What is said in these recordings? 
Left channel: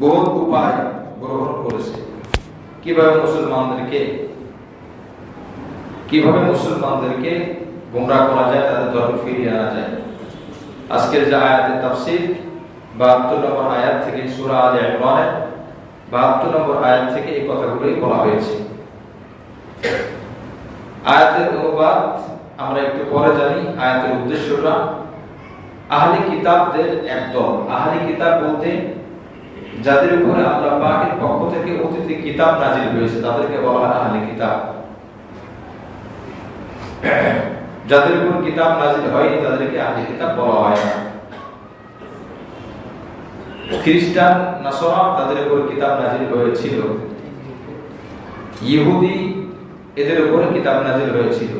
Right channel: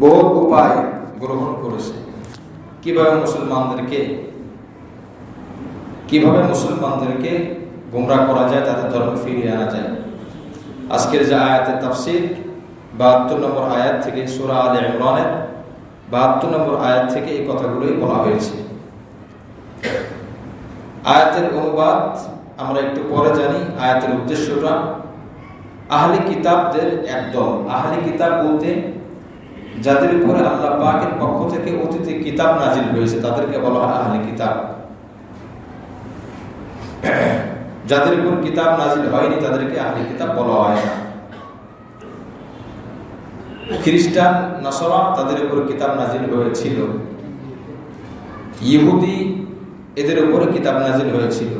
বহুত উপায় গ্রহণ করেছে কিভাবে মুসলমানদেরকে গুমরাহ করা যায়, তাদের ধর্ম ফিরিয়ে আনা যায়। আজকের যে আয়াতের তাফসীর 72 নম্বর আয়াত থেকে সূরা আলে ইমরানের 72 নম্বর আয়াত থেকে এই কথাগুলোই বলা হয়েছে। আয়াতের অনুবাদ আমরা একটু পরে জানি। আয়াতের উদ্দেশ্যটা আহলে কিতাবদের একদল। আহলে কিতাব বলতে যাদের উপরে আল্লাহ পাকের পক্ষ থেকে অতীতে কিতাব নাজিল হয়েছে তাদেরকে বলা হয় আহলে কিতাব। যাদের উপর কিতাব নাজিল হয়নি তাদেরকে আহলে কিতাব বলা হয় না। খ্রিস্টান, নাসারা তাদের উপর কিতাব নাজিল হয়েছিল, ইহুদি এদের উপরে কিতাব নাজিল হয়েছিল।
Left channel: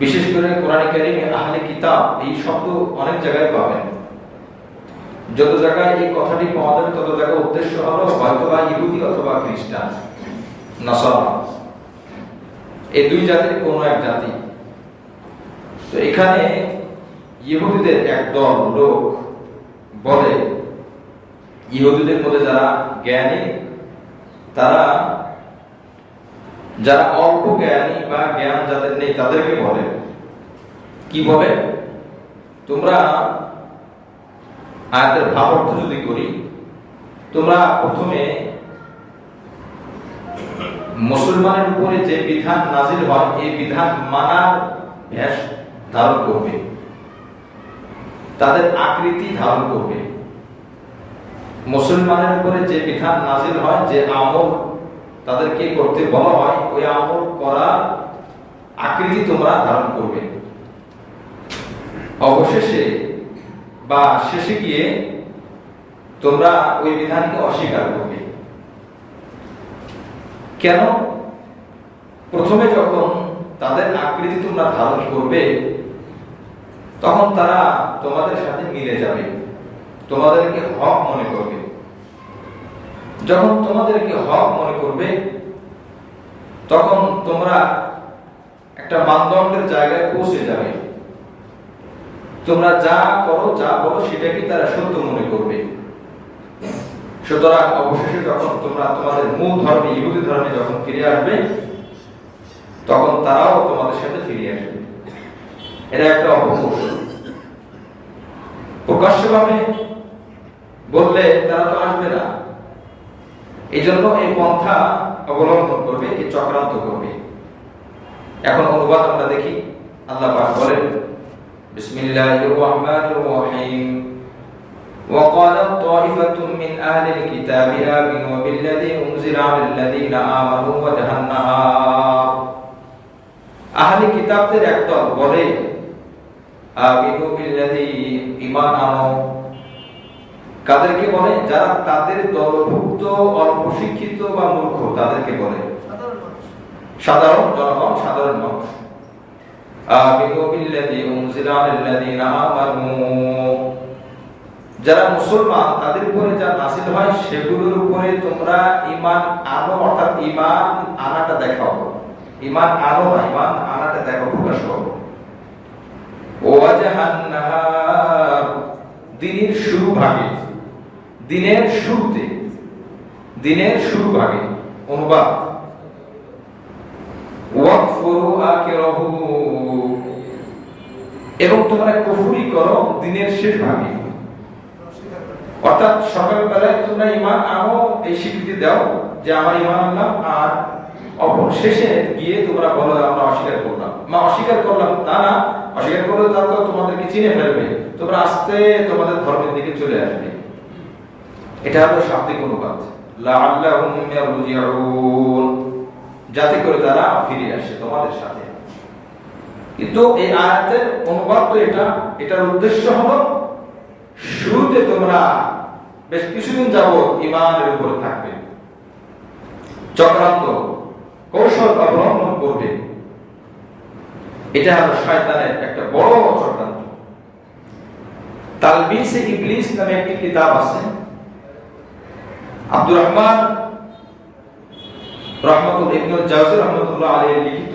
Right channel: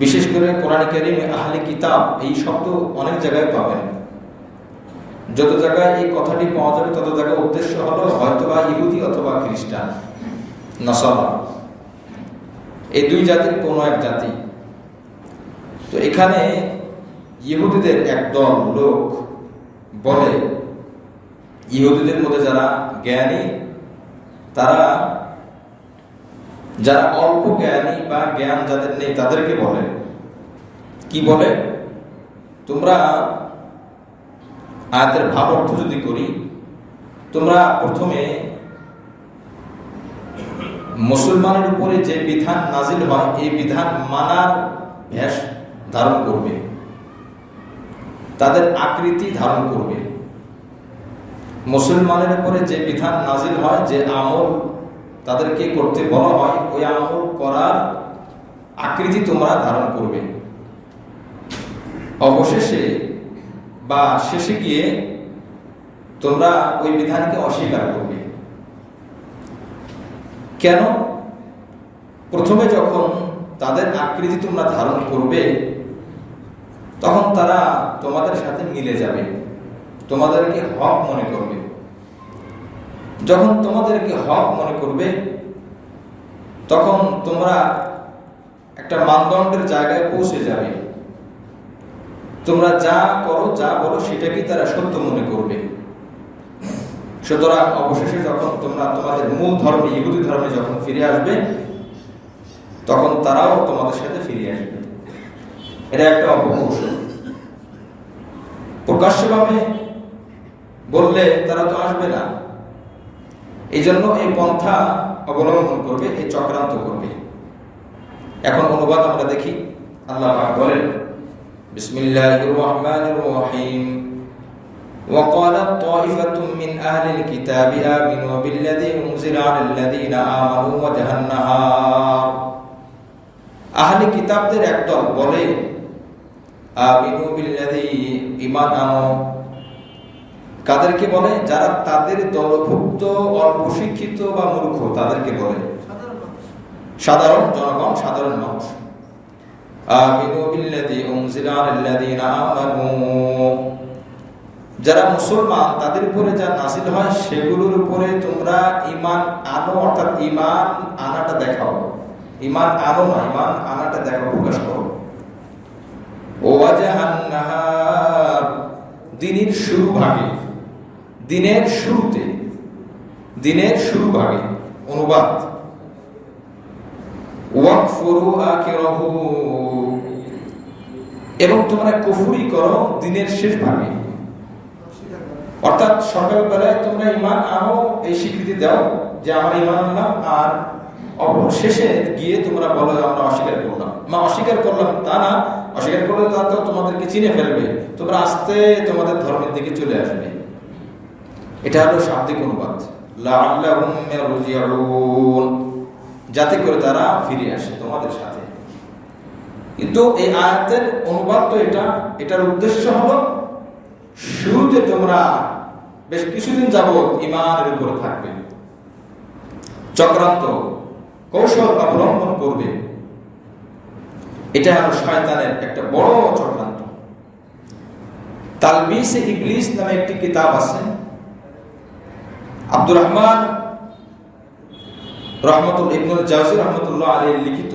বিশেষ করে কোরআন কারীমে আহলে কিতাব এই শব্দ অনেক জায়গায় পাবেন। যত জায়গায় এই কথাটি পাওয়া যাবে তত জায়গায় উদ্দেশ্য হলো হয়তোবা ইহুদি অথবা খ্রিস্টান, নাসারা, এই দুই জাতির কোনো এক জাতি। তো এখানে ইহুদিদের একদল লোক বলে, ইহুদিদের মধ্যে যারা জ্ঞানী, তারা যারা অল্প জ্ঞানী বা জ্ঞান যাদের নেই তাদেরকে বলে, কি বলে, তোমরা আয়াতের ভাব অর্থ যদি করি, তোমরা প্রথমে মুসলমানের উপরে যে বিধান নাজিল হয় এই বিধান মানার ভেষ ধারণ করবে, তাদের আকৃতি ধারণ করবে। মুসলমানের উপরে যে বিধান নাজিল হয়, যে আমল তাদেরকে করতে বলা হয়, ওই আমল করার আকৃতি তোমরা ধারণ করবে। অবশেষে বা শেষে গিয়ে তোমরা ওই বিধানকে অস্বীকার করবে। কেন? প্রথমে যখন তাদের আকৃতি তোমরা ধারণ করবে তখন তারা তোমাদের সাথে মিলে যাবে, তোমাদেরকে হক মনে করবে। যখন তোমাদেরকে হক মনে করবে তখন তোমরা একটা মানদণ্ডের জায়গায় পৌঁছে যাবে। তোমরা যা করো, যা বলো সেটাকে তারা সত্য মনে করবে। সুতরাং অবশেষে যখন তোমরা তোমাদের মূল ধর্মে, ইহুদি ধর্মে যখন ফিরে আসবে তখন তারাও তোমাদের সাথে ফিরে আসবে। এটা একটা অপকৌশল। প্রকাশ্যভাবে বললে তারা তো আসবে না, এই জন্য এই পন্থা অবলম্বন করবে, এই চক্রান্ত করবে। এখন অনুবাদ আমরা দেখি। আল্লাহ পাক বলেন, বিসমিল্লাহির রহমানির রহিম, وقالت طائفة من أهل الكتاب آمنوا بالذي أنزل على الذين آمنوا وجه النهار। আহলে কিতাবদের একদল বলে, আমিনু বিল্লাযী, ঈমান আনো। কাদেরকে বলে? যারা তাদের দলভুক্ত, অল্প শিক্ষিত বা মূর্খ তাদেরকে বলে, সাধারণ জনগণ, সাধারণ মানুষ। আমিনু বিল্লাযী উনজিলা আলাল্লাযীনা আমানু, যারা মুসলমান তাদের উপরে যা নাযিল হয় সেগুলোর উপরে তোমরা ঈমান আনো, অর্থাৎ ঈমান আনাটা দেখাও। ঈমান আনো না, ঈমান আনাটা দেখাও, প্রকাশ করো। ওয়াজহান নাহার, দিনের শুরু ভাগে, দিনের শুরুতে, দিনের শুরু ভাগে। অনুবাদ, ওয়াকফুরু আখিরাহু, এবং তোমরা কুফরি করো দিনের শেষ ভাগে। অর্থাৎ সকালবেলায় তোমরা ঈমান আনো, এই স্বীকৃতি দাও যে আমার ঈমান আনলাম, আর অবশেষে গিয়ে তোমরা বলো আমরা অস্বীকার করলাম। অস্বীকার করলাম তা না, অস্বীকার করলে তা তো তোমাদেরকে চিনে ফেলবে, তোমরা আস্তে তোমাদের ধর্মের দিকে চলে আসবে। এটা হলো শাব্দিক অনুবাদ, লাআল্লাহুম ইয়ারজিউন, যাতে করে তারা ফিরে আসে তোমাদের সাথে। কিন্তু এই আয়াতের অনুবাদ তো এটার উদ্দেশ্য হলো শুরুতে তোমরা বেশ কিছুদিন যাবত ঈমানের উপর থাকবে, চক্রান্ত কৌশল অবলম্বন করবে। এটা হলো শয়তানের একটা বড় চক্রান্ত। তালবিসে ইবলিস নামে একটি কিতাব আছে, আব্দুর রহমান ইবনুল জাওজি রাহমাতুল্লাহ আলাইহি লিখিত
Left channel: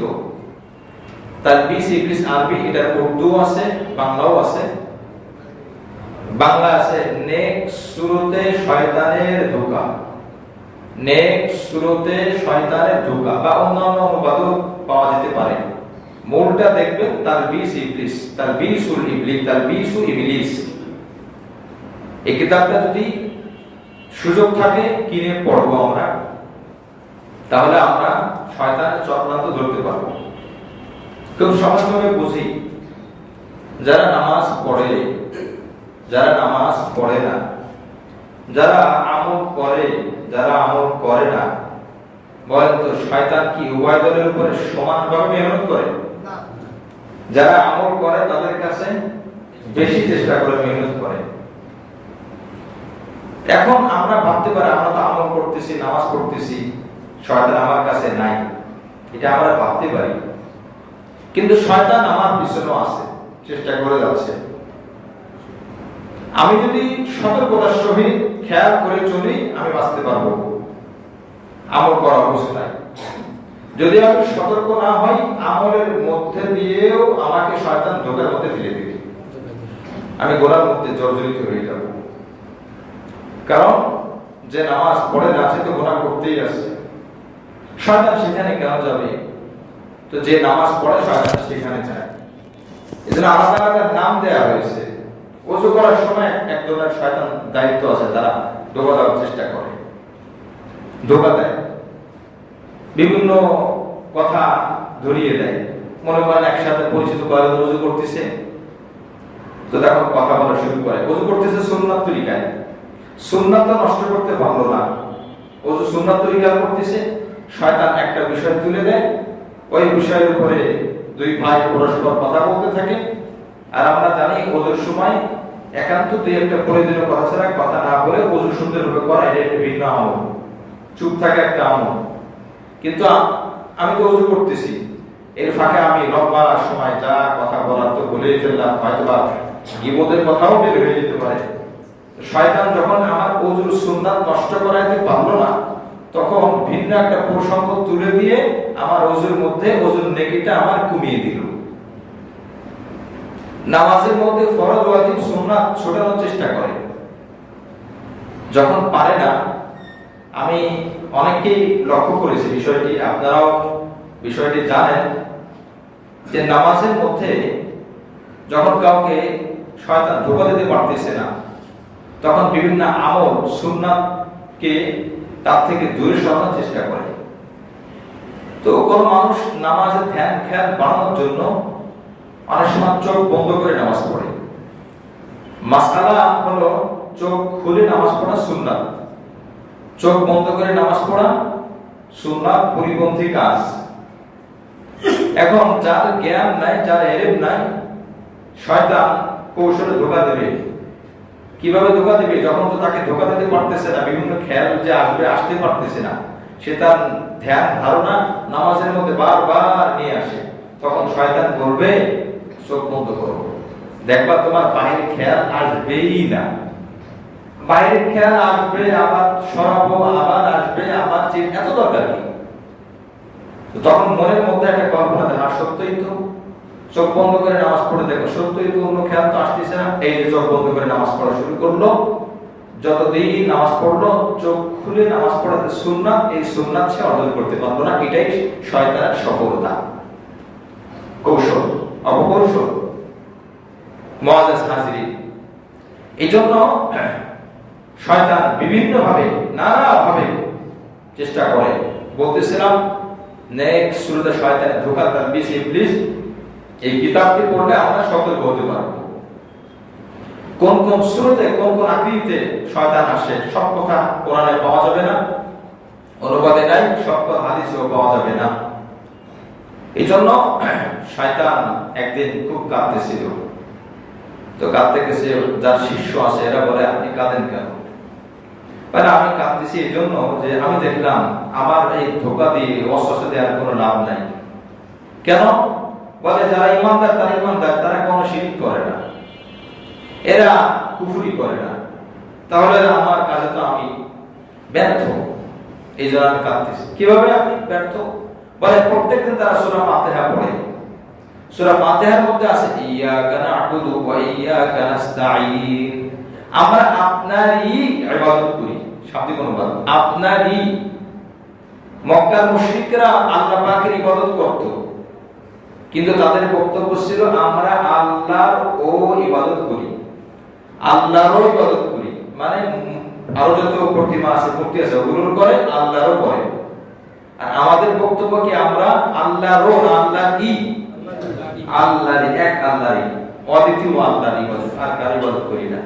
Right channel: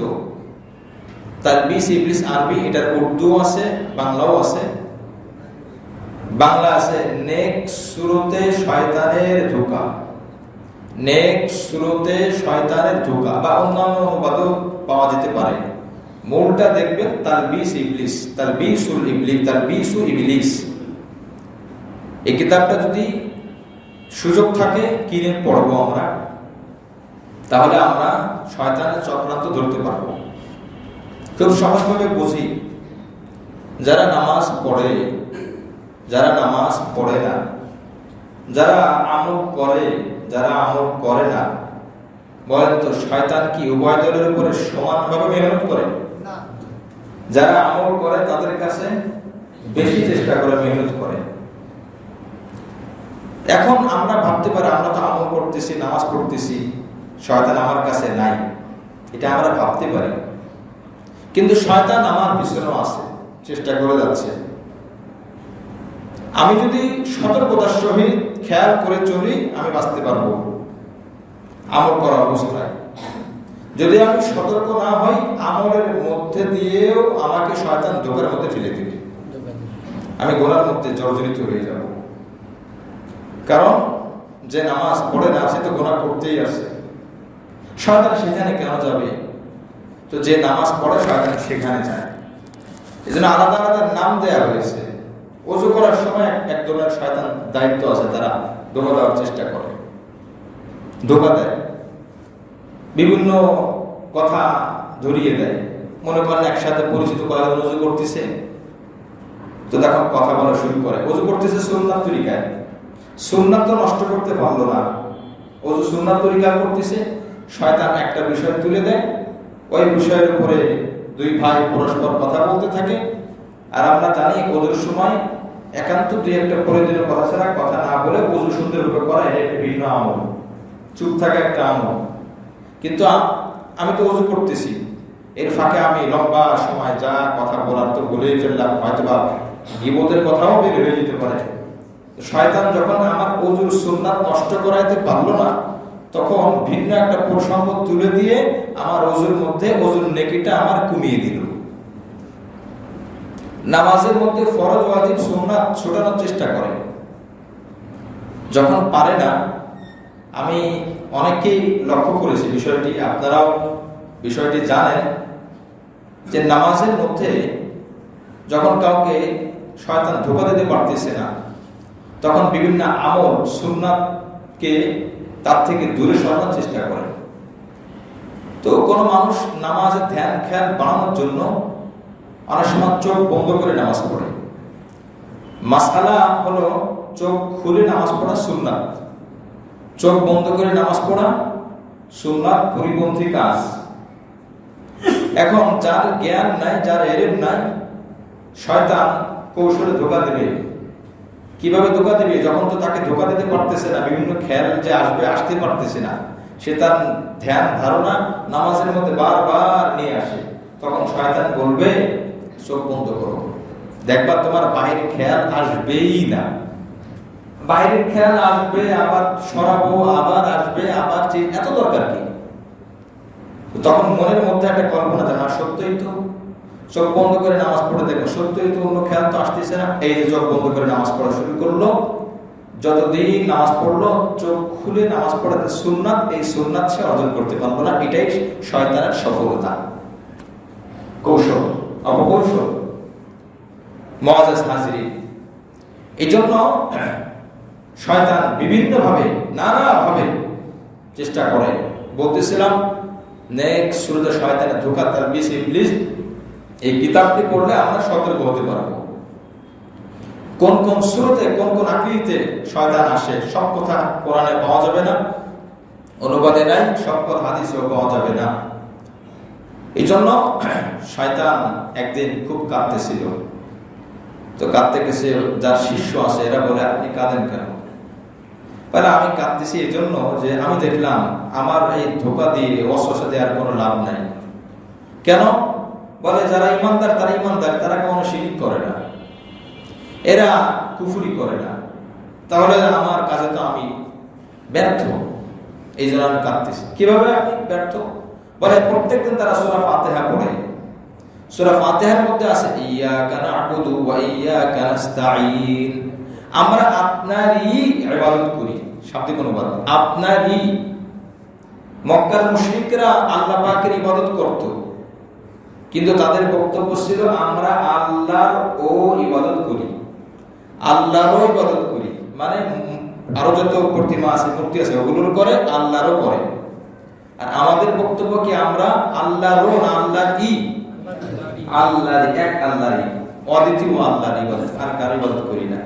তালবিসে ইবলিস আরবি, এটার উর্দু আছে, বাংলাও আছে। বাংলা আছে নেক সুরতে শয়তানের ধোঁকা, নেক সুরতে শয়তানের ধোঁকা, বা অন্যান্য অনুবাদও পাওয়া যেতে পারে। মূলটা দেখবেন তালবিস ইবলিস, তালবিসুল ইবলিস, তালবিসু ইবলিস। এই কিতাবটা যদি সুযোগ থাকে কিনে পড়বো আমরা, তাহলে আমরা শয়তানের চক্রান্ত ধরতে পারবো। খুব সহজভাবে বুঝি, যারা নামাজ পড়ে, যারা নামাজ পড়ে না, যারা আমল করে, যারা আমল করে না, বলেন তো শয়তান কি উভয় দলের উপরে সমানভাবে মেহনত করে? যারা আমল করে তাদের কাছে বেশি চেষ্টা করে, মেহনত করে। এখন আমরা ভাবতে পারি আমরা তো আমল করতেছি, নামাজ পড়তেছি, শয়তান আমার কাছে নাই, এটা আমরা ভাবতে পারি। কিন্তু শয়তান আমার পিছনেও আছে, চেষ্টা করে যাচ্ছে। আমি যদি সতর্কতার সহিত খেয়াল করে চলি, আমি বাঁচতে পারবো আমল করা অবস্থায়। যদি আমি সতর্ক না হই, আমলের মধ্যে দিয়েও আমাকে শয়তান ধোঁকার মধ্যে ফেলে দিবে, আমি গোনার মধ্যে জর্জরিত হয়ে যাব। কারণ যে নামাজ পড়ে না সে তো গোনা করতেই আছে, শয়তান সেখানে কেন যাবে? তো যে নামাজ পড়ে শয়তান সেখানে যায়। এই জন্য আলাদা আলাদা নাম দেওয়া হয়েছে। ওযু করার সময় একদমের শয়তান দায়িত্ব আছে, তারা ধোঁকা দেওয়ার চেষ্টা করে, ধোঁকা দেয়, বিভিন্ন কথা ধরিয়ে দেয়। মনে করেন একসাথে পরিচিত কয়েকজন ওযু করতেছে, তো তখন কথা বলা শুরু করে। ওযু করতেছে সুন্নাত তরিকায়, সুন্নাত তো নষ্ট করতে পারলো না, ওযু সুন্নাত তরিকায় করতেছে। শয়তান একটা বিষয় তুলে দেয়, ওই বিষয়ের উপরে দুই ভাই পরস্পর কথা বলতে থাকে। আর আমরা জানি ওযুর সময় একান্ত দুই একটা প্রয়োজনীয় কথা ছাড়া কথা না বলে ওযু সুন্দরভাবে করা, এটা একটা ভিন্ন আমল, চুপ থাকা একটা আমল। কিন্তু আমি তো ওযু করতেছি, এর ফাঁকে আমি লম্বা সময় যা কথা বলার তো বলেই ফেললাম, হয়তো বা গীবতের কথাও বের হয়ে যেতে পারে। শয়তান যখন আমার ওযুর সুন্নাত নষ্ট করাইতে পারলো না, তখন ভিন্ন একটা প্রসঙ্গ তুলে দিয়ে আমার ওযুর মধ্যে ওযুর নেকিটা আমার কমিয়ে দিল। নামাজের মধ্যে ফরজ ওয়াজিব সুন্নাত ছোটানোর চেষ্টা করে, যখন পারে না। আমি অনেককেই লক্ষ্য করেছি বিষয়টি, আপনারাও বিষয়টি জানেন, যে নামাজের মধ্যে যখন কাউকে শয়তান ধোঁকা দিতে পারতেছে না, তখন বিভিন্ন আমল সুন্নাতকে তার থেকে দূরে সরানোর চেষ্টা করে। তো কোনো মানুষ নামাজে ধ্যান খেয়াল বাড়ানোর জন্য অনেক সময় চোখ বন্ধ করে নামাজ পড়ে। মাসআলা হলো চোখ খুলে নামাজ পড়া সুন্নাত, চোখ বন্ধ করে নামাজ পড়া সুন্নাত পরিপন্থী কাজ। এখন যার জ্ঞান নাই, যার এলেম নাই, শয়তান কৌশলে ধোঁকা দেবে। কিভাবে ধোঁকা দেবে? যখন তো তাকে ধোঁকা দিতে পারতেছে না, বিভিন্ন খেয়াল যে আসবে আসতে পারতেছে না, সে তার ধ্যান ধারণা নামাজের মধ্যে বারবার নিয়ে আসে, তখন শয়তান বলবে চোখ বন্ধ করো, দেখবা তোমার বাইরের খেয়াল আসবেই না। বাইরের খেয়াল আসবে, আবার সরাবো, আবার আসবে, আবার এত দরকার কি? তখন মনের মধ্যে একটা কল্পনা থাকে, সত্যই তো, চোখ বন্ধ করে নামাজ পড়ে দেখো, সত্যই তো অন্য খেয়াল তো আসতেছে না। এই যে চোখ বন্ধ করে নামাজ পড়া শুরু করলো, যতদিন নামাজ পড়লো চোখ খুলে নামাজ পড়াতে সুন্নাত, এই সুন্নাত সে অর্জন করতে পারবো না। এটাই শয়তানের সফলতা, কৌশল, অপকৌশল। মুআজ্জাজ হাজিরিন, এই জন্য শয়তান বিভিন্নভাবে, নানাভাবে চেষ্টা করে। বলতেছিলাম নেক্সট সূরাতে শয়তানের ধোঁকা, তালবিস ইবলিস, এই কিতাবটি পড়লে আমরা সতর্ক হতে পারবো। কোন কোন সূরাতে কোন কোন আকৃতিতে শয়তান আসে, সব কথা কোরআনে পাওয়া যাবে না, অনুবাদে নাই, সব কথা হাদিসেও পাওয়া যাবে না। এই জন্য শয়তান একদিন খুব কাঁদতেছিল। তো কাঁদতে গেছে, যার শিষ্য আছে এরা বলে আপনি কাঁদেন কেন? বলে আমি কাঁদতেছি এই জন্য যে আমি দেখলাম আমার এই ধোঁকা দিয়ে ওয়াসওয়াসা দেওয়ার কোনো লাভ নাই। কেন? বলে যারা ইমানদার তারা ইমানদার, তারা কোনো শিরক করে না, এরা কুফরি করে না, তাহলে আমার কাজে তো আমি ব্যর্থ, এই জন্য আমি কাঁদতেছি। কিভাবে আপনি ব্যর্থ? বলে প্রত্যেকদিন তারা সূরা ফাতিহা পড়ে, সূরা ফাতিহার মধ্যে আছে ইয়াকা না'বুদু ওয়া ইয়াকা নাস্তাঈন, আমরা আপনারই ইবাদত করি। শাব্দিক অনুবাদ, আপনারই। মক্কার মুশরিকরা আল্লাহ পাকের ইবাদত করত, কিন্তু তাদের বক্তব্য ছিল আমরা আল্লাহর ও ইবাদত করি, আল্লাহরও ইবাদত করি। মানে আরো যত প্রতিমা আছে, মূর্তি আছে, ওগুলোর করে, আল্লাহরও করে। আর আমাদের বক্তব্য কি, আমরা আল্লাহরও না, আল্লাহই, আল্লাহরই, এক আল্লাহরই, অদ্বিতীয় আল্লাহর ইবাদত, আর কার ইবাদত করি না।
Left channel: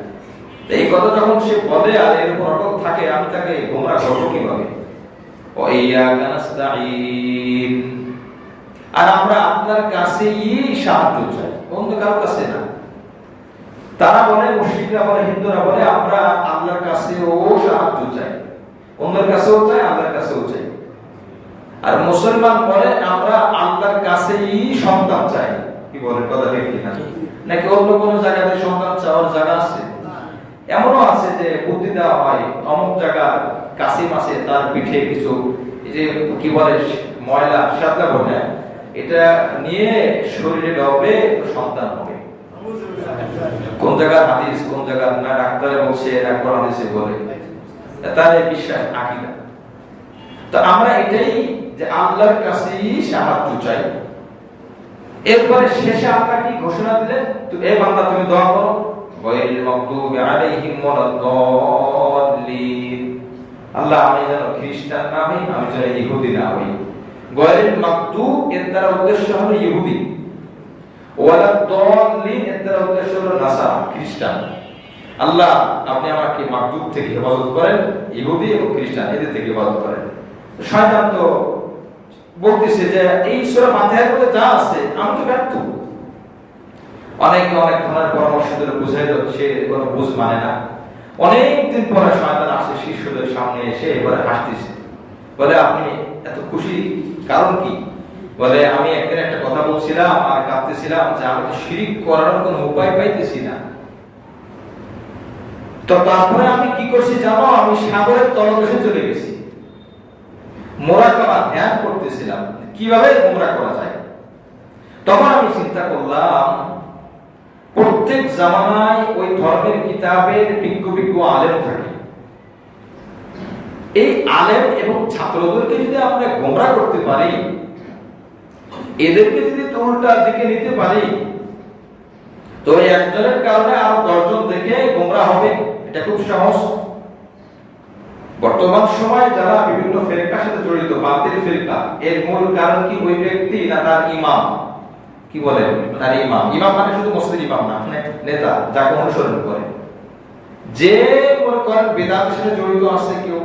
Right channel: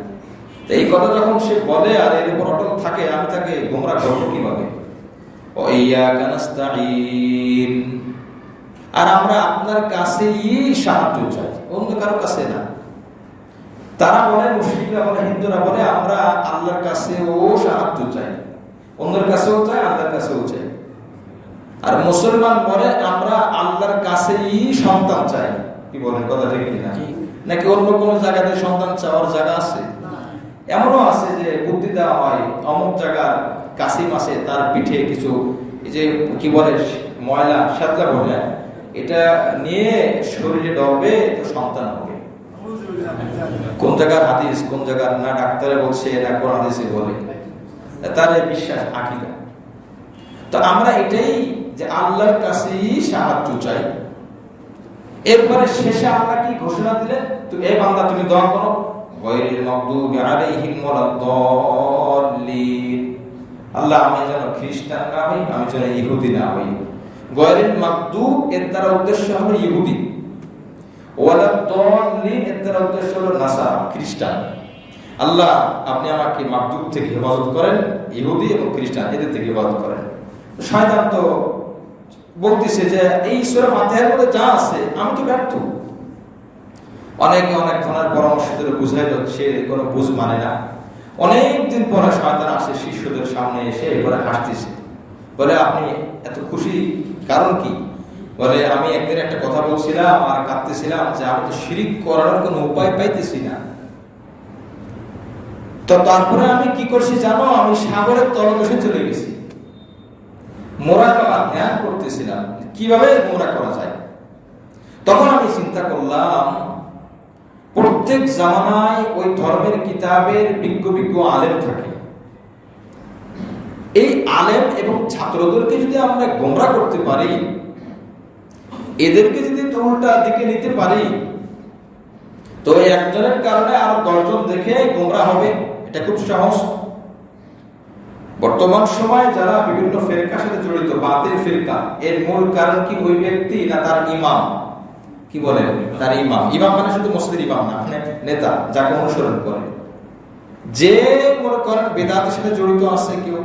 এই কথা যখন সে বলে আর এর উপর অটল থাকে, আমি তাকে গোমরাহ করব কিভাবে? ওয়াইয়াকা নাস্তাঈন, আর আমরা আপনার কাছেই সাহায্য চাই, অন্য কারো কাছে না। তারা বলে, মুশরিকরা বলে, হিন্দুরা বলে, আমরা আল্লাহর কাছেও সাহায্য চাই, অন্যের কাছেও চাই, আল্লাহর কাছেও চাই। আর মুসলমান বলে আমরা আল্লাহর কাছেই সন্তান চাই। কি বলে, কথা ঠিক কিনা? নাকি অন্য কোন জায়গাতে সন্তান চাওয়ার জায়গা আছে? এমনও আছে যে বুদ্ধি দেওয়া হয়, অমুক জায়গার কাসিম আছে, তার পিঠে কিছু এই যে কি বলে ময়লা শ্যাতলা বলে, এটা নিয়ে শরীরে ডবে তো সন্তান হবে। কোন জায়গার হাদিস, কোন জায়গার না ডাক্তারে বলছে, না কোরআন হাদিসে বলে, তার বিশ্বাস, আকীদা। তো আমরা এটাই যে আল্লাহর কাছেই সাহায্য চাই। এরপরে শেষে আল্লাহ কি ঘোষণা দিলেন? তো এই বান্দা তুমি দোয়া করো, গায়রিল মাগদুবি আলাইহিম ওয়ালাদ-দাল্লিন, আল্লাহ আমি যেন খ্রিস্টান না হই, আমি যেন ইহুদি না হই। গায়রিল মাগদুব এর দ্বারা উদ্দেশ্য হলো ইহুদি, ওয়ালাদ-দাল্লিন এর দ্বারা উদ্দেশ্য হলো নাসারা, খ্রিস্টান। আল্লাহ আপনি আমাকে মাগদুব থেকে হেফাজত করেন, ইহুদি এবং খ্রিস্টান এদের থেকে হেফাজত করেন। শয়তান তো বলতেছে যে এই সূরা ফাতিহার মধ্যে যা আছে আমি তো ব্যর্থ। অনেকে অনেক ধরনের পরামর্শ দিলে বুঝাইল, সে কোনো বুঝ মানে না। অনেকদিন পরে শয়তান আসে শিষ্যদের সামনে এসে এবারে হাসতেছে, বলে আপনি এত খুশি কারণ কি? বলে আমি একদিন একটা কথা বলছিলাম আর কাঁদতেছিলাম যে আমি তো শিরিক করার কোনো উপায় পাইতেছি না। তো তারপরে আমি কি করছি জানো? আমি সাগরের তলদেশে চলে গেছি, মুরাকাবা ধ্যান করতেছিলাম কিভাবে গোমরাহ করা যায়। তখন আমি চিন্তা করলাম, প্রত্যেক জামানায় ওই ধর্মের কিতাবের বিজ্ঞ বিজ্ঞ আলেম থাকে। এই আলেম এবং ছাত্রদেরকে যদি আমরা গোমরাহ করতে পারি, এদেরকে যদি উল্টা দিকে নিতে পারি, তো একজনের কারণে আরো 10 জন দেখে গোমরাহ হবে। এটা খুব সহজ। বর্তমান সময়ে যারা বিভিন্ন ফিরকার সাথে জড়িত, বাতিল ফিরকা, এর মূল কারণ কি ওই ব্যক্তি না তার ইমাম? কি বলে, তার ইমাম। ইমাম মানে শুধু মসজিদের ইমাম না, নেতা, যাকে অনুসরণ করে। যে মনে করেন বেদাতের সাথে জড়িত আছে, কেউ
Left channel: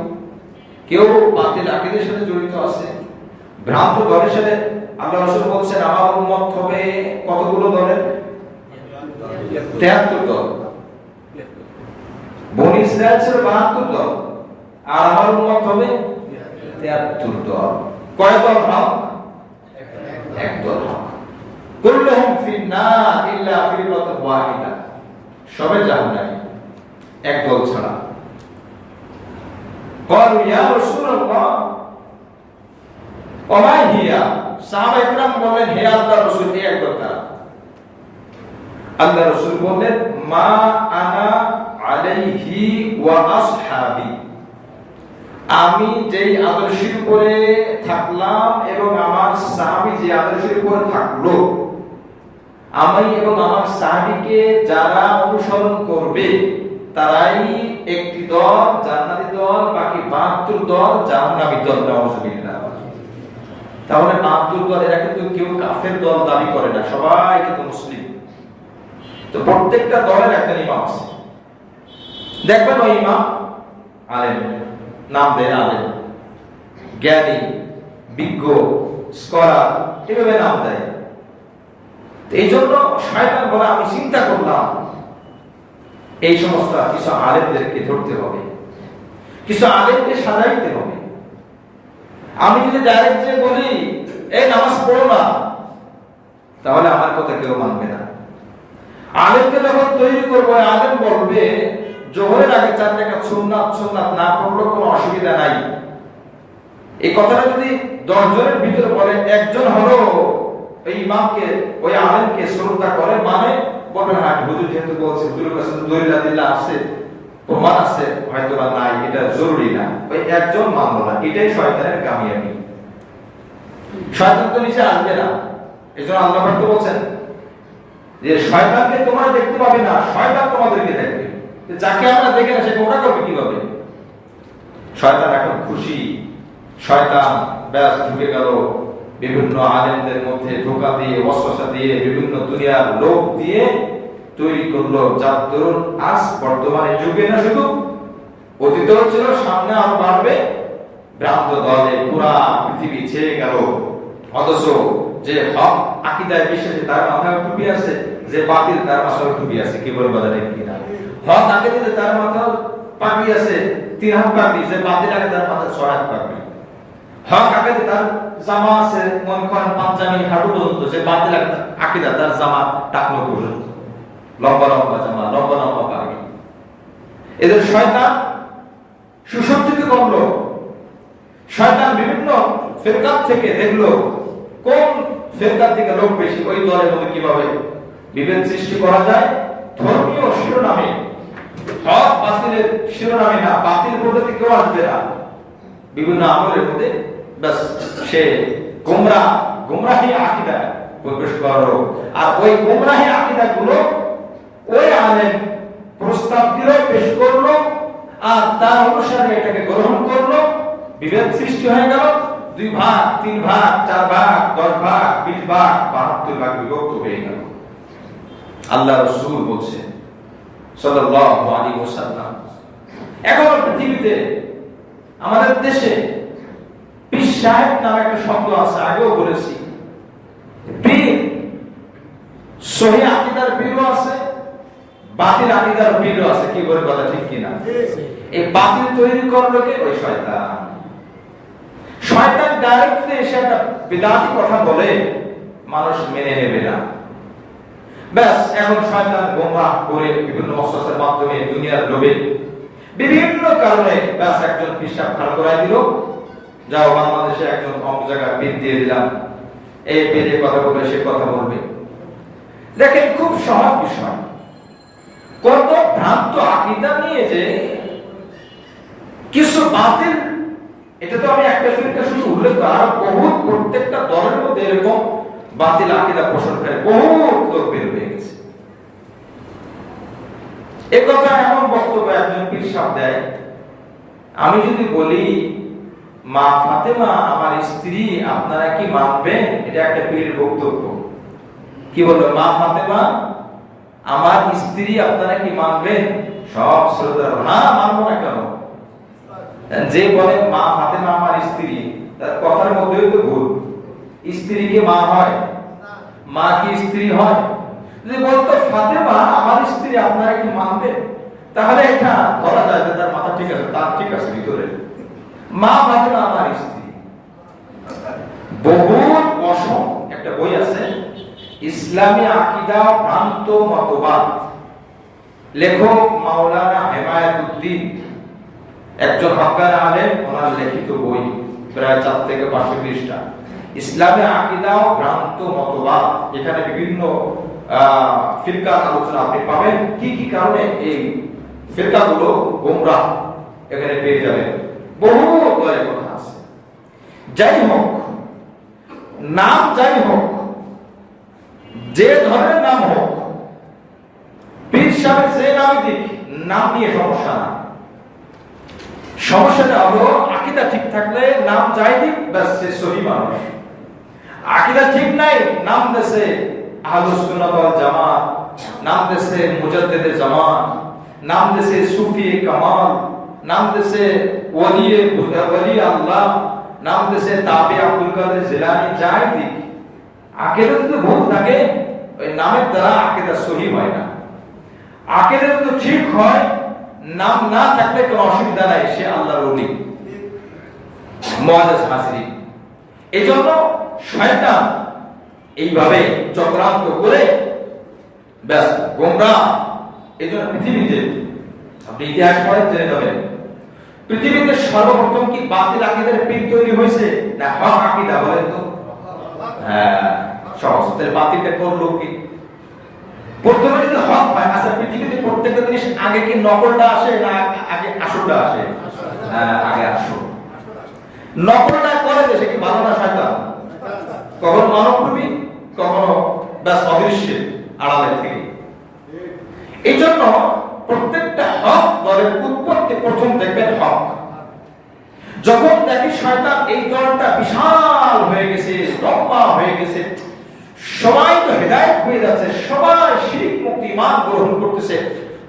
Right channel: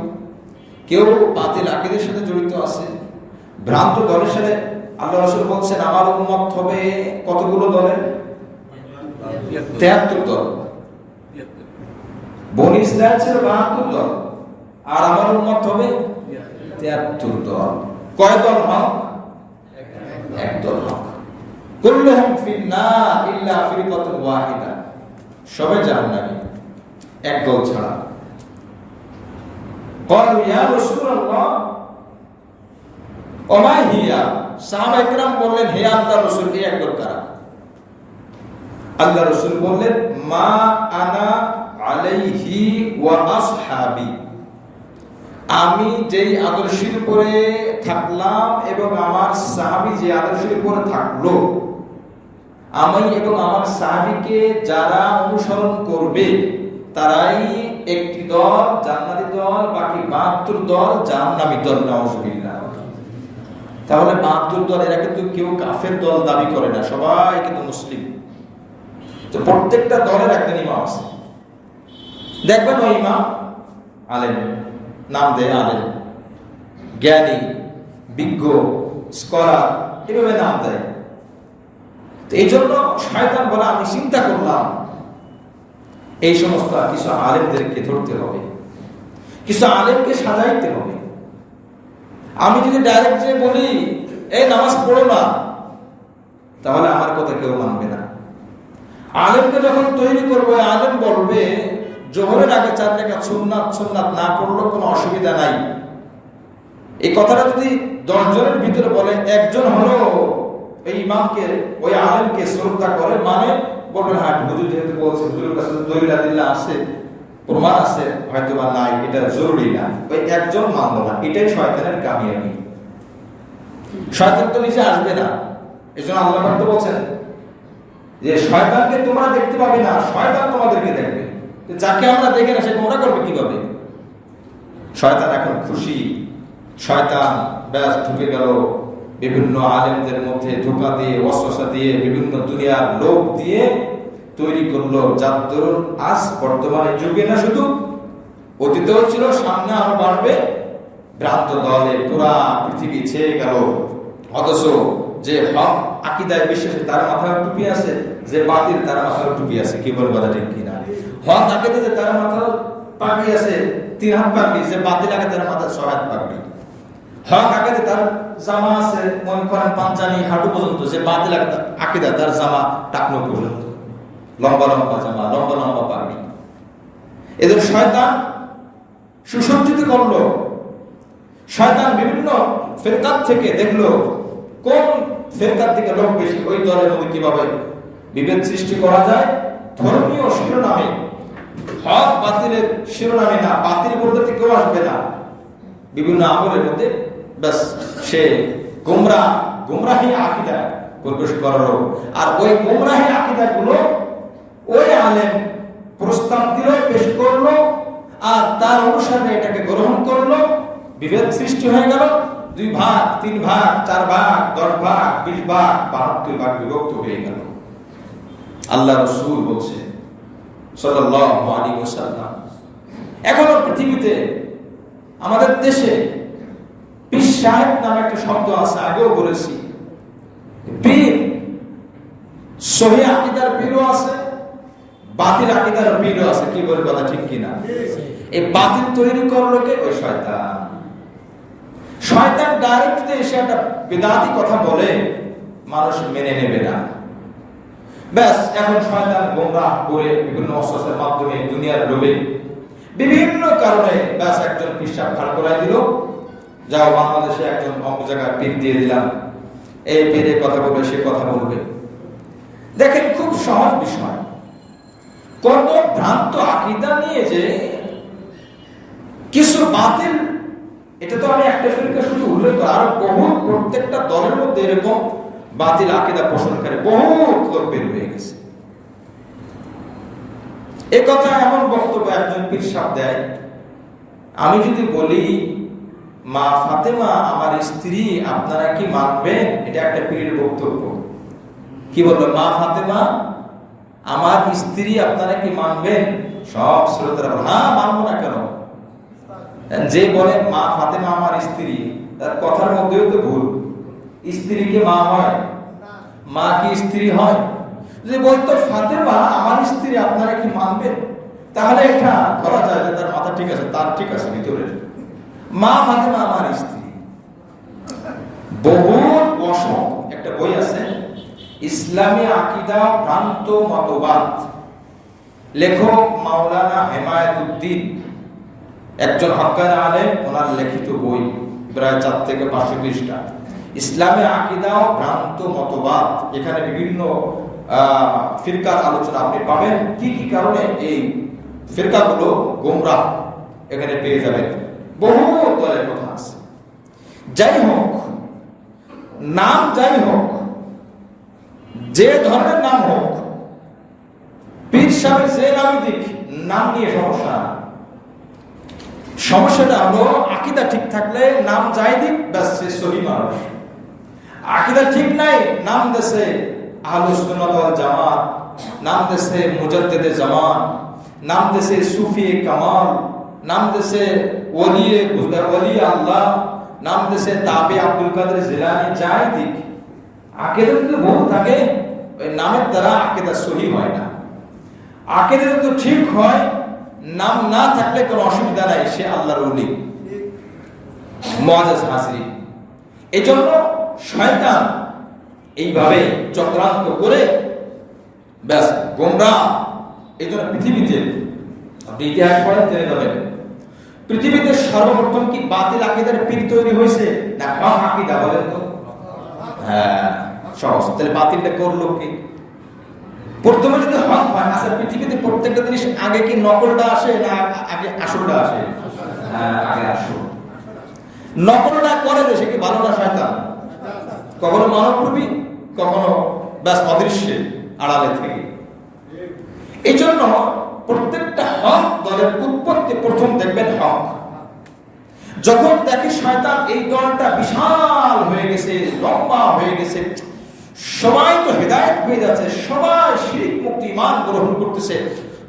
কেউ বাতিল আকীদার সাথে জড়িত আছে, ভ্রান্ত দলের সাথে। আল্লাহ রাসূল বলছেন আমার উম্মত হবে কতগুলো দলের? 73 দল। বনি ইসরাইল ছিল 72 দল, আর আমার উম্মত হবে 73 দল। কয় দল হক? এক দল হক। কুল্লুহুম ফিন-নার ইল্লা ফিরকাতুন ওয়াহিদা, সবে জাহান্নামী, এক দল ছাড়া। ক্বালু ইয়া রাসূলুল্লাহ ওয়া মা হিয়া, সাহাবায়ে কিরাম বললেন হে আল্লাহর রাসূল, এই এক দল কারা? আল্লাহ রাসূল বললেন মা আনা আলাইহি ওয়া আসহাবি, আমি যেই আদর্শের উপরে থাকলাম এবং আমার সাহাবী যে আদর্শের উপরে থাকলো, আমি এবং আমার সাহাবীকে যারা অনুসরণ করবে তারাই একটি দল, জান্নাতি দল, বাকি 72 দল জাহান্নামী দল। নাউযুবিল্লাহ। তাহলে 72 দল, এরা কিন্তু কেউ কাফের দল দাবি করে না, সবাই কিন্তু মুসলিম। তো প্রত্যেকটা দলের একটা ইমাম আছে। দেখবেন ওই ইমাম আলেম, নাম দেয় আলেম, জ্ঞানী, বিজ্ঞ, স্কলার, এভাবে নাম দেয়। তো এই জন্য শয়তান বলে আমি চিন্তা করলাম এই সমস্ত কিছু আলেমদেরকে ধরতে হবে, কিছু আলেমকে সাজাইতে হবে। আমি যদি ডাইরেক্ট যে বলি এই নামাজ পড়ো না, তাহলে আমার কথা কেউ মানবে না। আলেমকে যখন তৈরি করবো, আলেম বলবে জোহরের আগে 4 রাকাত সুন্নাত না পড়লেও কোনো অসুবিধা নাই। এই কথাটা যদি 10 জনের ভিতরে বলে, একজন হলো এই ইমামকে, ওই আলেমকে শ্রদ্ধা করে, মানে বলবেন হ্যাঁ হুজুর যেহেতু বলছে, হুজুরের কাছে দলিল আছে, প্রমাণ আছে হয়তো বা নাই, এটা জরুরি না, ওই একজন মানল না, এটাই শয়তানের কামিয়াবি। শয়তান তো নিচে আসবে না, এই জন্য আল্লাহ পাক বলছেন যে শয়তানকে তোমরা দেখতে পাবে না, শয়তান তোমাদেরকে দেখবে। তো যাকে আমরা দেখে না সে তোমরা করবে কিভাবে? শয়তান এখন খুশি, শয়তান ব্যাস ঢুকে গেল বিভিন্ন আলেমদের মধ্যে, ধোঁকা দিয়ে, ওয়াসওয়াসা দিয়ে, বিভিন্ন দুনিয়ার লোক দিয়ে তৈরি করলো, যার দরুন আজ বর্তমানে যুগে না শুধু অতীতেও ছিল, সামনে আরো বাড়বে, ভ্রান্ত দলে পুরা পৃথিবী ছেয়ে গেল। অথচ যে হক আকীদায় বিশ্বাসী তার মাথায় টুপি আছে, যে বাতিল তার মাথায় টুপি আছে। কি বল কথা ঠিক কিনা? হক আকীদায় তার মাথায় পাগড়ি আছে, 3 হাত পাগড়ি, যে বাতিল আগে তার মাথায় 6 হাত পাগড়ি। হক আকীদায় তার জামা আছে মনে করেন পাঞ্জাবি হাঁটু পর্যন্ত, যে বাতিল আকীদায় তার জামা টাকনো পর্যন্ত, লম্বা লম্বা জামা, লম্বা লম্বা পাগড়ি। এদের শয়তান সুসজ্জিত করলো। শয়তান বিভিন্ন ফিরকাত থেকে দেখলো কোন ফিরকাত থেকে লোক বেশি, ওই দলের মধ্যে কিভাবে বিভেদ সৃষ্টি করা যায়। ধর্মীয় শিরোনামে, হক বাতিলের শিরোনামে না, বাতিল বলতে কেউ আসবে না, বিভিন্ন আমলের মধ্যে ব্যাস সে গুমরাহি আকীদা প্রবেশ করালো। আর ওই গুমরাহি আকীদা গুলো ওই আলেম প্রস্তাব দিল, পেশ করলো, আর তার অনুসারে এটাকে গ্রহণ করলো। বিভেদ সৃষ্টি হয়ে গেল, 2 ভাগ, 3 ভাগ, 4 ভাগ, 10 ভাগ, 20 ভাগ, 72 ভাগ বিভক্ত হয়ে গেল। আল্লাহ রাসূল বলছে সাল্লাল্লাহু আলাইহি ওয়াসাল্লাম, এখনো পৃথিবীতে আমাদের দেশে পীর সাহেব নামে একটা শব্দ আছে, আগেও বলেছি। পীর সহিহ আকীদার পীরও আছে, বাতিল আকীদার পীরও আছে। কি বলে কথা ঠিক কিনা? এই বাতিল তৈরি করলো কে? ওই শয়তান। শয়তান ডাইরেক্ট এসে একটা বিদআতি কথা বলে, মানুষ মেনে নেবে না। ব্যাস এখন শয়তান গোমরাহ করে বিভিন্ন ওয়াসওয়াসার মাধ্যমে দুনিয়ার লোভে বিভিন্ন কারণে ব্যাস একজন পিশাব খাড়া করাই দিল, যাও বাংলাদেশে একজন অমুক জায়গায় পীর দিয়ে দিলাম, এই পীরে কথা বলবে, সে কথা বলবে। দেখেন খুব সহজ বিষয়, কত ভ্রান্ত আকীদা নিয়ে যে কিছু বাতিল, এটা তো আমি একটা ফিরকা শুধু উল্লেখ করি, আর বহুত প্রত্যেকটা দলের মধ্যে এরকম বাতিল আকীদা পোষণকারী বহুত লোক বের হয়ে গেছে। এই কথা এমন বক্তব্য একজন পীর সাহেব দেয়, আমি যদি বলি মা ফাতেমা আমার স্ত্রী, আপনারা কি মানবেন? এটা একটা পীরের বক্তব্য। কি বললো? মা ফাতেমা আমার স্ত্রী, আপনারা কি মানবেন? সব শ্রোতারা হ্যাঁ, মানবো না কেন? যে বলে মা ফাতেমা আমার স্ত্রী, তার কথার মধ্যেও তো ভুল। স্ত্রী কি মা হয়? মা কি স্ত্রী হয়? যে বলতো ফাতেমা আমার স্ত্রী, আপনারা কি মানবেন? তাহলে এটা ধরা যায় যে তার মাথা ঠিক আছে, তার ঠিক আছে ভিতরে। মা ফাতেমা আমার স্ত্রী, বহুত অসংখ্য একটা বই আছে, ইসলামী আকীদা ভ্রান্ত মতবাদ, লেখক মাওলানা হেমায়েতুদ্দিন, একজন হক্কানি আলেম, ওনার লিখিত বই, প্রায় 4 থেকে 500 পৃষ্ঠা। ইসলামী আকীদা ভ্রান্ত মতবাদ, এখানে বিভিন্ন ফিরকার আলোচনা আপনি পাবেন, কি কি কারণে এই ফিরকাগুলো গোমরাহ, এখানে পেয়ে যাবেন। বহু দলের কথা আছে। যাই হোক, নাম যাই হোক, যে ধরনের নাম হোক, পীর সাহেব যে নাম দিক, নাম নিয়ে সমস্যা না। সমস্যাটা হলো আকীদা ঠিক থাকলে নাম যাই দিক, ব্যাস সে সহি মানুষ। আকীদা ঠিক নাই, নাম দেশে আহলুস সুন্নাত ওয়াল জামাত, নাম দেশে মুজাদ্দিদে জামান, নাম দেশে সুফি কামাল, নাম দেশে ওলি আল্লাহ, নাম দেশে তাবি আব্দুল কাদের জিলানী, যাই দিক, আকীদা যদি ভুল থাকে, ওই নামের দ্বারা আকীদা সহি হয় না। আকীদা যদি ঠিক হয়, নাম না থাকলে কোনো অসুবিধা নাই, সে আল্লাহর ওলি, মুআজ্জাজ হাজরি। এজন্য শয়তান এইভাবে চক্রান্ত করে ব্যাস গোমরাহ। এজন্য পৃথিবীতে আপনি ইতিহাস পড়েন, জেনে যাবেন, পৃথিবীতে সর্বপ্রথম কি বাতিল আকীদার পীর তৈরি হয়েছে না হক আকীদা? বলেন তো। হ্যাঁ, সহজ। তাহলে বাতিলটা করলো কি? প্রথমে যদি হক হয়, আচ্ছা পৃথিবীতে প্রত্যেকটা জিনিস আগে কি নকলটা আসে না আগে আসলটা আসে? আগে আসল। নকলটা করে সে কি ভালো না শয়তান? কখনো মানবরূপী, কখনো ব্যাস অদৃশ্যের আড়ালে থেকে। এই জন্য প্রত্যেকটা হক দলের উৎপত্তি প্রথম দেখবেন হক। যখন দেখে শয়তান এই দলটা বিশাল হয়ে গেছে, লম্বা হয়ে গেছে, সবাই তো হেদায়েত হয়ে যাচ্ছে, সবাই শিরক মুক্ত ঈমান গ্রহণ করতেছে,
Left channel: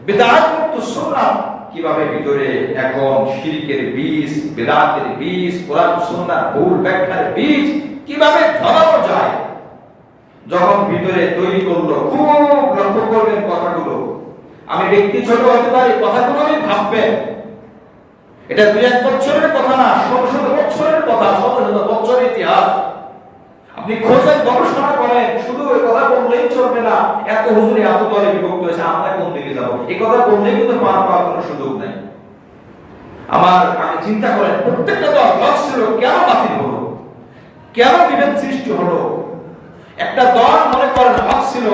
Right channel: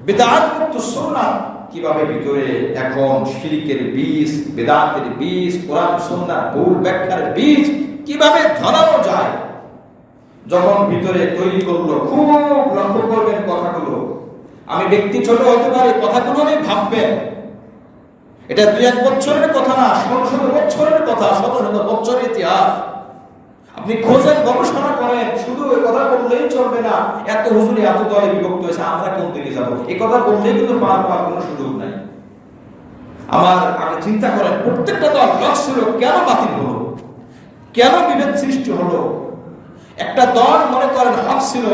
বিদআত মুক্ত সুন্নাহ, কিভাবে ভিতরে এখন শিরকের বীজ, বিদআতের বীজ, কোরআন সুন্নাহর ভুল ব্যাখ্যার বীজ কিভাবে ধরানো যায়, যখন ভিতরে তৈরি করলো, খুব লক্ষ্য করবেন কথাগুলো। আমি ব্যক্তি ছোট হতে পারি, কথাগুলো আমি ভাববেন। এটা 2-1 বছরের কথা না, 100 বছরের কথা, 100 বছরের ইতিহাস। আপনি খোঁজেন, গবেষণা করেন, শুধু ওই কথা বললেই চলবে না। এত হুজুরে এত দলে বিভক্ত হয়েছে, আমরা কোন দিকে যাব? এই কথা বললেই কিন্তু পার পাওয়ার কোনো সুযোগ নাই। আমার আগে চিন্তা করেন, প্রত্যেকটা দল হক ছিল, কেন বাতিল হলো? কেন বিভেদ সৃষ্টি হলো? একটা দল মনে করেন হক ছিল,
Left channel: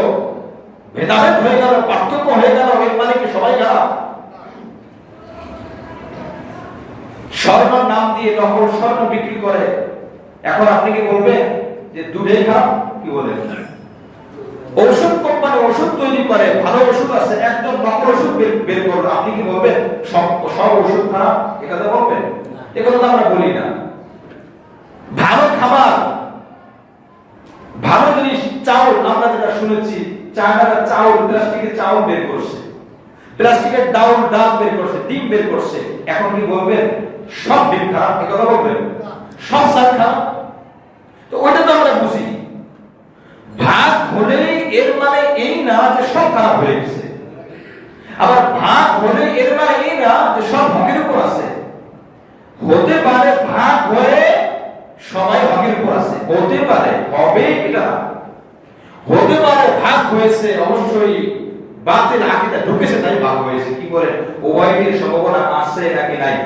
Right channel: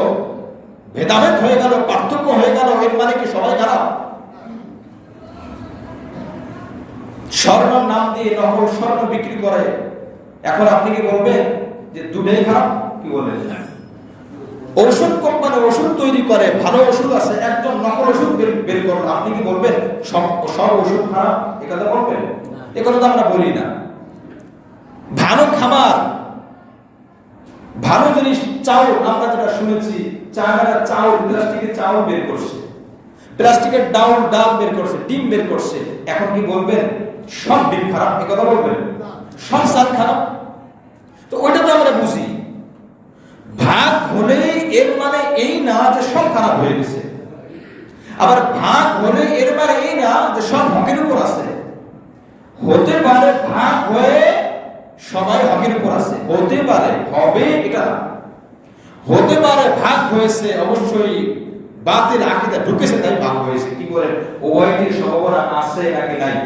ভেদাভেদ হয়ে গেল, পার্থক্য হয়ে গেল, এর মানে কি সবাই খারাপ? স্বর্ণ নাম দিয়ে নকল স্বর্ণ বিক্রি করে, এখন আপনি কি বলবেন যে দুটোই খারাপ? কি বলেন? ঔষধ কোম্পানি ওষুধ তৈরি করে, ভালো ওষুধ আছে, একজন নকল ওষুধ বের করলো, আপনি কি বলবেন সব ওষুধ খারাপ? একথা বলবেন? একথা তো আমরা বলি না। ভালো খাবার, ভালো জিনিস, চাউল, আমরা যেটা শুনেছি চায়নারা চাউল, প্লাস্টিকের চাউল বের করছে, প্লাস্টিকের ডাল বের করছে, ডিম বের করছে, এখন কি বলবেন সব ডিম খারাপ? একথা বলবেন? সব চাল খারাপ? তো ওইটা তো আমরা বুঝি। ভাগ হলেই এর মানে এই না যে সব খারাপ হয়ে গেছে, আবার ভাগ হলে এর মানে এই না যে সব হকের উপর আছে। হতে পারে ভাগ হয়ে সবাই হকের উপর আছে, হতে পারে, হবে এটা না। হতে পারে ভাগ হয়েছে, অবশ্যই বাতিল আকীদা ঢুকেছে তাই ভাগ হয়েছে। কি বলেন, উভয়ের সম্ভাবনা আছে নাকি নাই?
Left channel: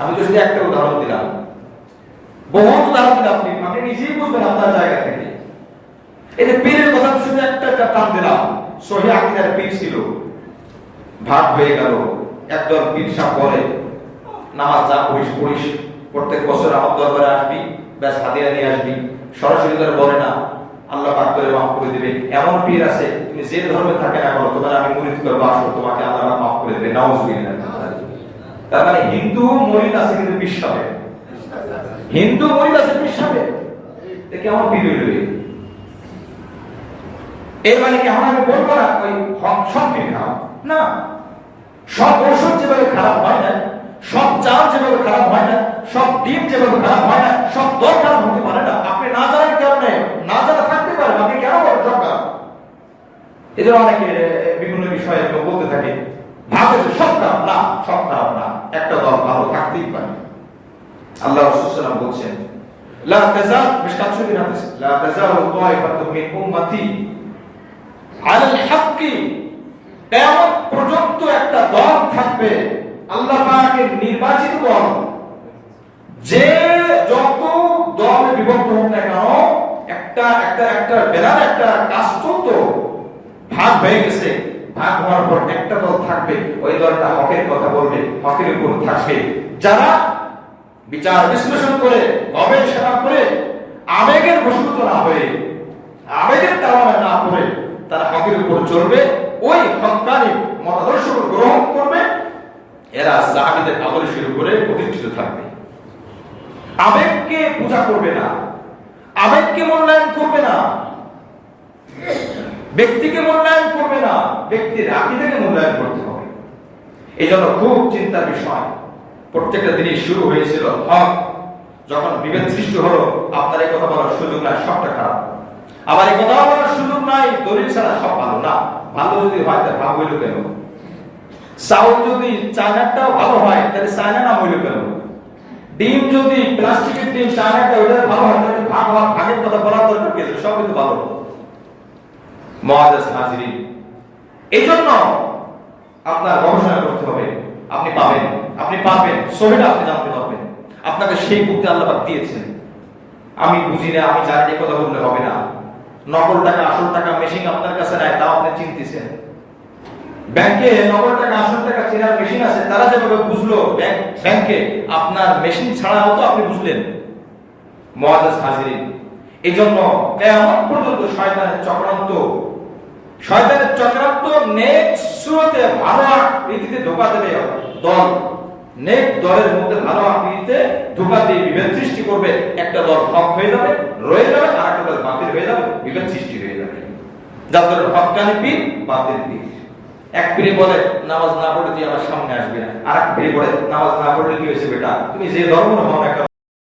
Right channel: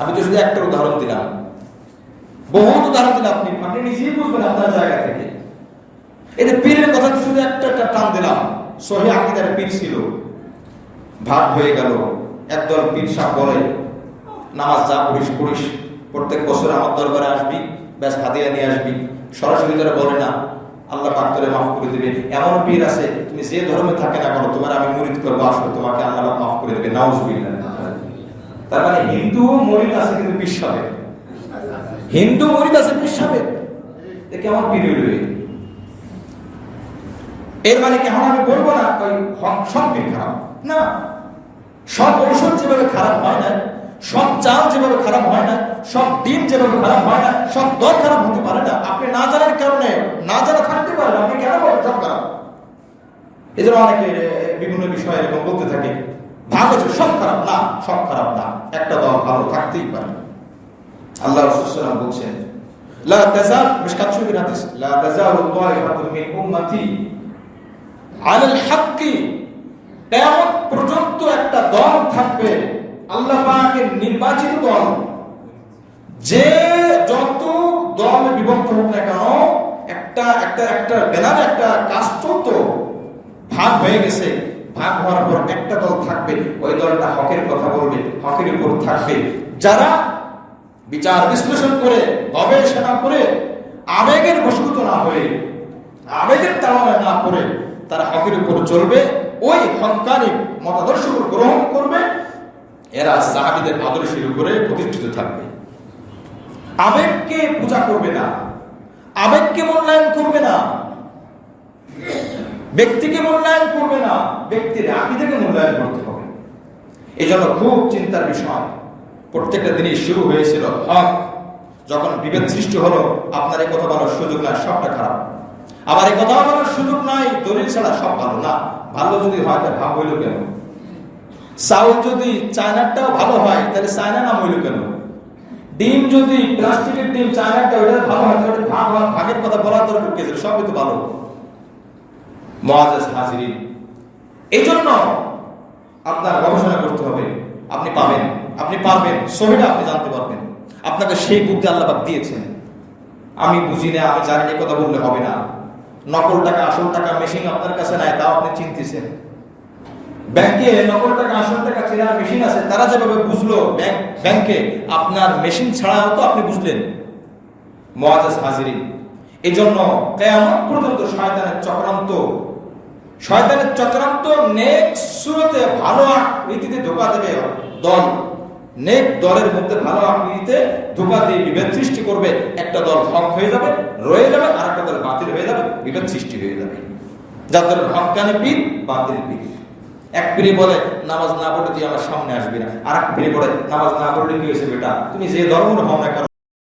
আমি তো শুধু একটা উদাহরণ দিলাম, বহুত উদাহরণ দিলাম, আপনি নিজেই বুঝবেন আপনার জায়গা থেকে। এতে পীরের কথা শুধু একটা টান দিলাম, সহি আকীদার পীর ছিল, ভাগ হয়ে গেল। একদল পীর সাহেব বলে নামাজ যা পড়িস, প্রত্যেক বছর আমার দরবারে আসবি, ব্যাস হাদিয়া নিয়ে আসবি। সরাসরি যারা বলে না, আল্লাহ পাক তোরে মাফ করে দিবে। এমন পীর আছে, তুমি যে ধর্মে থাকে না কেন, তোমার আমি মুরিদ করবো, আসো, তোমাকে আল্লাহ পাক মাফ করে দিবে। নাউজুবিল্লাহ। তার মানে হিন্দু মুরিদ আছে কিন্তু পীর সাহেব, হিন্দু মুরিদ আছে পীর সাহেব, এ কেমন পীর হইল? এর মানে কি এখন আমি বলবো না ওই সব পীর খারাপ? না, সব ঔষধ যেভাবে খারাপ হয় না, সব চাল যেভাবে খারাপ হয় না, সব ডিম যেভাবে খারাপ হয় না, সব দল খারাপ হতে পারে না। আপনি না জানার কারণে, না জানা থাকতে পারেন, আপনি কেন বলেন সব খারাপ? এই জন্য অনেকে বিভিন্ন বিষয়ে এরকম বলতে থাকে, ভাগ হচ্ছে সব খারাপ। না, সব খারাপ না, একটা দল ভালো থাকতেই পারে। আল্লাহ রাসূল বলছেন, লা তাজাল, মিশকাত শরীফের হাদিস, লা তাজালু তায়ফাতুম মিন উম্মতি আলাল হাক্কি, কিয়ামত পর্যন্ত একটা দল থাকবে, আল্লাহ পাকের নির্বাচিত দল। যে যত দলে বিভক্ত হোক না কেন, একটা বেলার একটা কাজ চলতো, ভাগ হয়ে গেছে, ভাগ হওয়ার পর একটা দল থাকবে, ওই দলটা হকের কথা বলবে, হকের উপর থাকবে। যারা বিচার বিশ্লেষণ করে, গবেষণা করে, আবেগের বশীভূত না হয়ে, আবেগের তাড়নায় না পড়ে, তারা হকের উপর চলবে, ওই হক্কানি মতাদর্শ গ্রহণ করবে। এরা সাহাবীদের আদর্শের উপরে প্রতিষ্ঠিত থাকবে। আবেগকে পূজা করবে না, আবেগকে মূল্যায়ন করবে না, ব্যক্তিকে মূল্যায়ন করবে না, ব্যক্তির আকীদাকে মূল্যায়ন করতে হবে। এই জন্য খুব চিন্তার বিষয়। প্রত্যেকটা দিনই শুরু হয়েছিল হক, যখন বিভেদ সৃষ্টি হলো, আপনার এই কথা বলার সুযোগ নাই, সবটা খারাপ। আবার এই কথা বলার সুযোগ নাই, দলিল ছাড়া সব ভালো না। ভালো যদি হয় তাহলে ভাগ হইল কেন? চাউল যদি চায়নাটাও ভালো হয় তাহলে চায়না নাম হইল কেন? ডিম যদি প্লাস্টিকের ডিম, চায়নাটা ওইটা ভালো হয় তাহলে ভাগের কথা বলার দরকার কি? সবই তো ভালো। মুআজ্জাজ হাজিরিন, এই জন্য আপনার গবেষণা করতে হবে। আপনি পাবেন, আপনি পারবেন, সহিটা আপনি জানতে পারবেন। আপনাকে সেই বুদ্ধি আল্লাহ পাক দিয়েছেন। আমি বুঝি না, আমি জানি না, কথা বললে হবে না। নকল টাকা আসল টাকা মেশিন আপনার কাছে নাই, তাও আপনি চিনতেছেন। ব্যাংকে নকল টাকা আসল টাকা চেনার মেশিন আছে, তারা যেভাবে বুঝলো ব্যাংকে, আপনার মেশিন ছাড়াও তো আপনি বুঝলেন। মুআজ্জাজ হাজিরিন, এই জন্য কিয়ামত পর্যন্ত শয়তানের চক্রান্ত নেক সুরতে ভালো আকৃতিতে ধোঁকা দেবে দল, নেক দলের মধ্যে ভালো আকৃতিতে ধোঁকা দিয়ে বিভেদ সৃষ্টি করবে। একটা দল হক হয়ে যাবে, রয়ে যাবে, আর একটা দল বাতিল হয়ে যাবে, বিভেদ সৃষ্টি হয়ে যাবে। যাদের হক্কানি পীর, বাতিল পীর। এক পীরে বলে নামাজ না পড়লে তুই আমার সামনে আসবি না, আর এক পীরে বলে নামাজ না পড়লে কি হয়েছে বেটা, তুমি যে ধর্ম হও না কেন